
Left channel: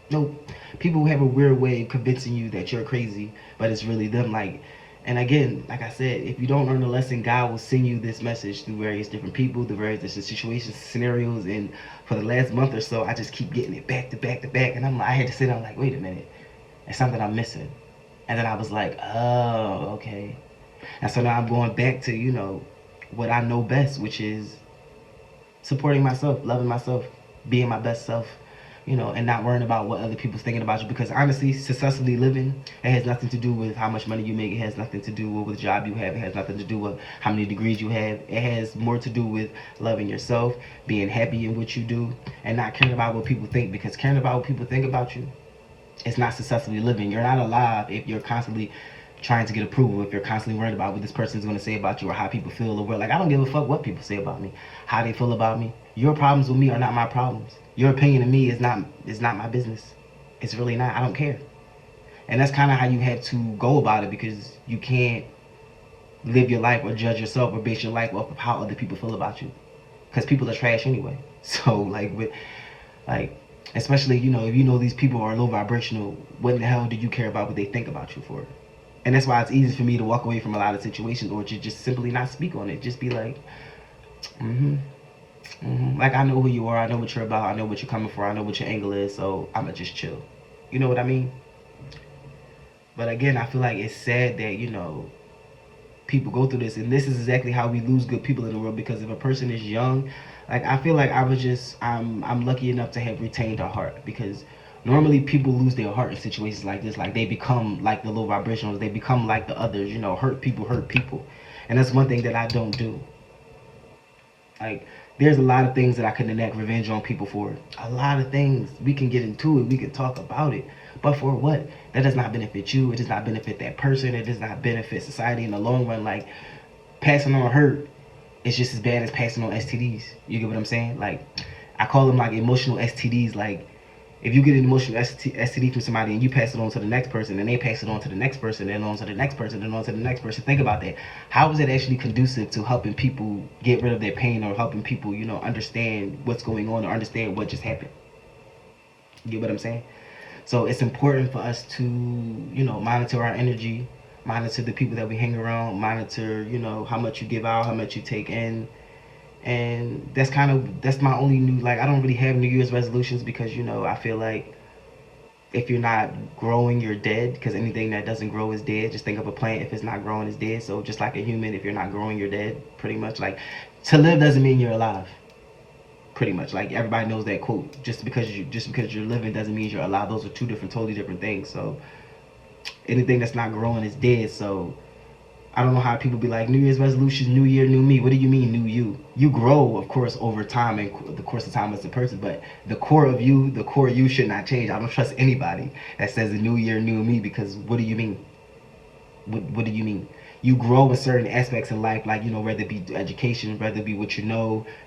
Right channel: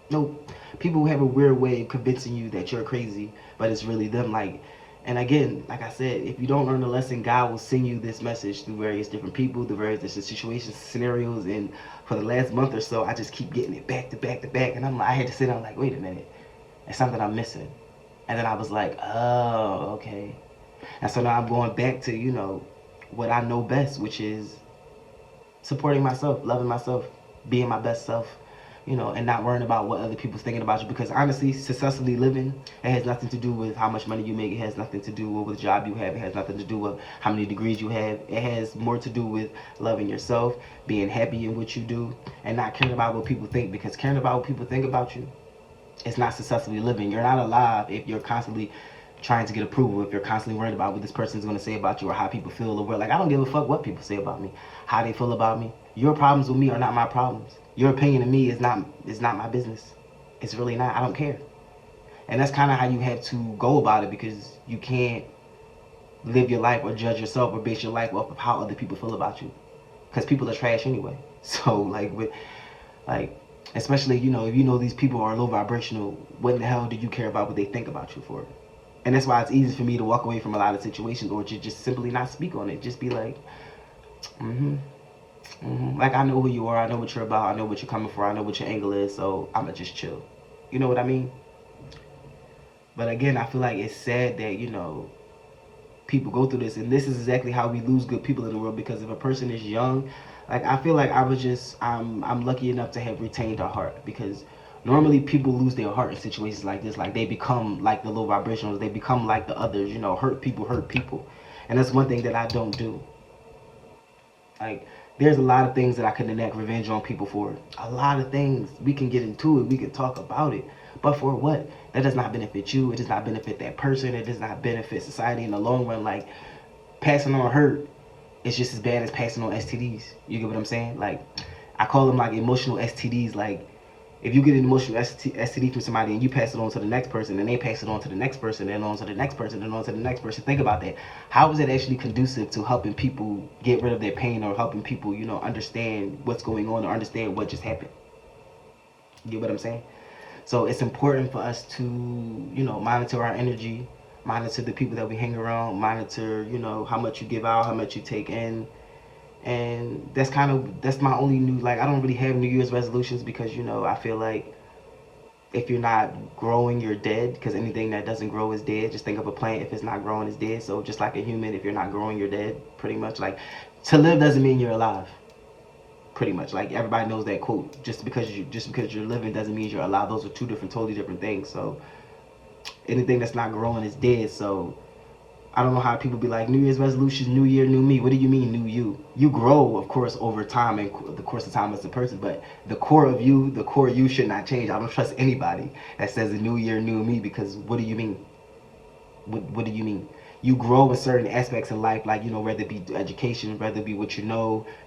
nope. People have a weird way of convincing you that you're crazy, but it's really them. Like, and again, like I said, if you don't learn the lesson, God will send you this message through various different people, through various different situations, scenarios. And for the last month or so, I just keep getting it back to back to back. And I had to sit down like, wait a minute, it's something I'm missing. And then I was like, oh, okay. And so now I'm going back to, what I know best, which is supporting myself, loving myself, being my best self, and not worrying about what other people's thinking about you. Because honestly, successfully living, it has nothing to do with how much money you make. It has nothing to do with what job you have. It has nothing to do with how many degrees you have. It has more to do with loving yourself, being happy in what you do, and not caring about what people think. Because caring about what people think about you, it's not successfully living. You're not alive if you're constantly trying to get approval, if you're constantly worried about what this person is going to say about you or how people feel. Or like, I don't give a fuck what people say about me, how they feel about me. Your problems with me are not my problems. Your opinion of me is not my business. It's really not. I don't care. And that's kind of how you have to go about it, because you can't live your life or judge yourself or base your life off of how other people feel about you, because people are trash anyway. So especially if you know these people are low vibrational, what in the hell do you care about what they think about you for? And that's why it's easy for me to walk away from a lot of situations, or to just simply not speak on it. Just be like, like, I know who you are, I know what you're about, I know what you're coming for, I know what your angle is, so I'ma just chill. You know what I mean? But again, I feel like it's sad that, people go through this, and this is exactly how we lose good people in the world. Because if a person is young, like, I feel like I'm lucky enough to have retained a heart, because normally people lose their heart in situations like this. Like, they become like the low vibrationals, they become like the others, hurt people. And that's one thing that I don't do. Like, there's a lot of things that I can enact revenge on people for. A lot of things. We can get into it. We can talk about it. But for what? That does not benefit you. It does not benefit that person. It does not benefit society in the long run. Like, passing on hurt is just as bad as passing on STDs. You get what I'm saying? Like, I call them like emotional STDs. Like, if you get an emotional STD from somebody and you pass it on to the next person, and they pass it on to the next person, and on to the next person, and on to the next person, think about that. How is it actually conducive to helping people get rid of their pain, or helping people, understand what's going on, or understand what just happened? You get what I'm saying? So it's important for us to, monitor our energy, monitor the people that we hang around, monitor, how much you give out, how much you take in. And that's my only I don't really have New Year's resolutions, because I feel like if you're not growing, you're dead, because anything that doesn't grow is dead. Just think of a plant. If it's not growing, it's dead. So just like a human, if you're not growing, you're dead, pretty much. Like, to live doesn't mean you're alive, pretty much. Like, everybody knows that quote. Just because you're living doesn't mean you're alive. Those are two totally different things. So anything that's not growing is dead. So I don't know how people be like, New Year's resolution, new year, new me. What do you mean, new you? You grow, of course, over time, and the course of time as a person, but the core of you, the core you should not change. I don't trust anybody that says a new year, new me, because what do you mean? What do you mean? You grow in certain aspects in life, like, whether it be education, whether it be what you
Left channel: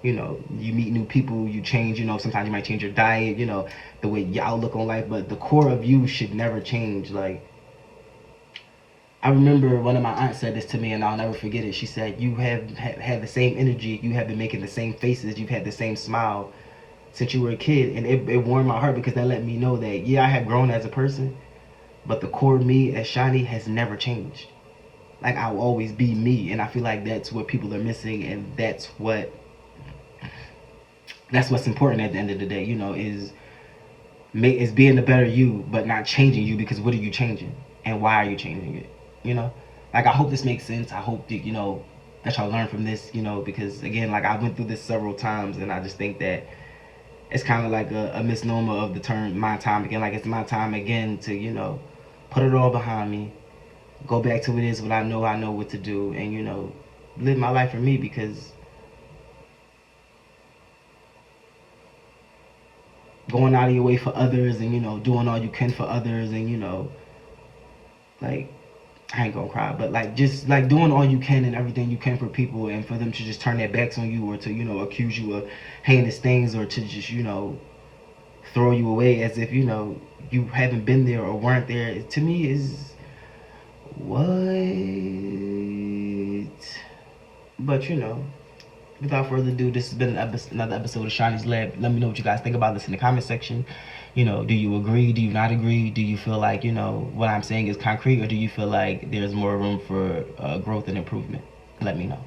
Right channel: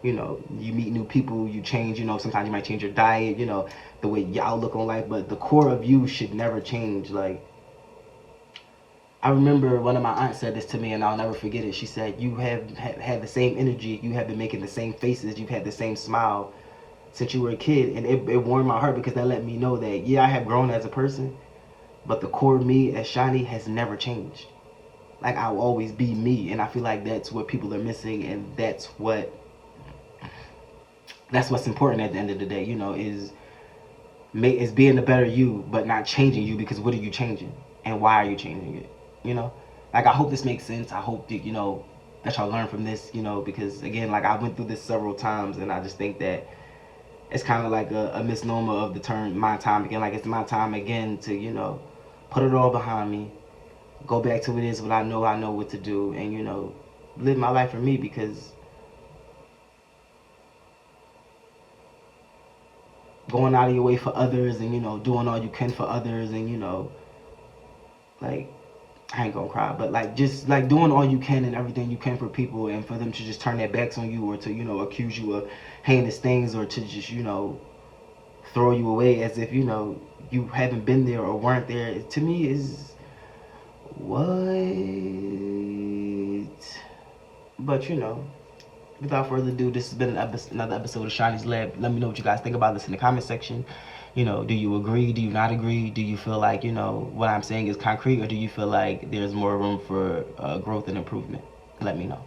meet new people, you change, sometimes you might change your diet, the way your outlook on life, but the core of you should never change. Like, I remember one of my aunts said this to me, and I'll never forget it. She said, you have had the same energy, you have been making the same faces, you've had the same smile since you were a kid. And it warmed my heart, because that let me know that, yeah, I have grown as a person, but the core me as Shani has never changed. Like, I'll always be me. And I feel like that's what people are missing, and that's what's important at the end of the day, is being the better you, but not changing you, because what are you changing? And why are you changing it? Like, I hope this makes sense. I hope that, that y'all learn from this, because again, like, I went through this several times, and I just think that it's kind of like a misnomer of the term my time again. Like, it's my time again to, put it all behind me, go back to what it is, what I know what to do, and, live my life for me, because going out of your way for others, and, doing all you can for others, and, like, I ain't gonna cry, but like, just like doing all you can and everything you can for people, and for them to just turn their backs on you, or to, accuse you of heinous things, or to just, throw you away as if, you haven't been there or weren't there, to me is what? But, without further ado, this has been another episode of Shani's Lab. Let me know what you guys think about this in the comment section. Do you agree? Do you not agree? Do you feel like, what I'm saying is concrete, or do you feel like there's more room for growth and improvement? Let me know.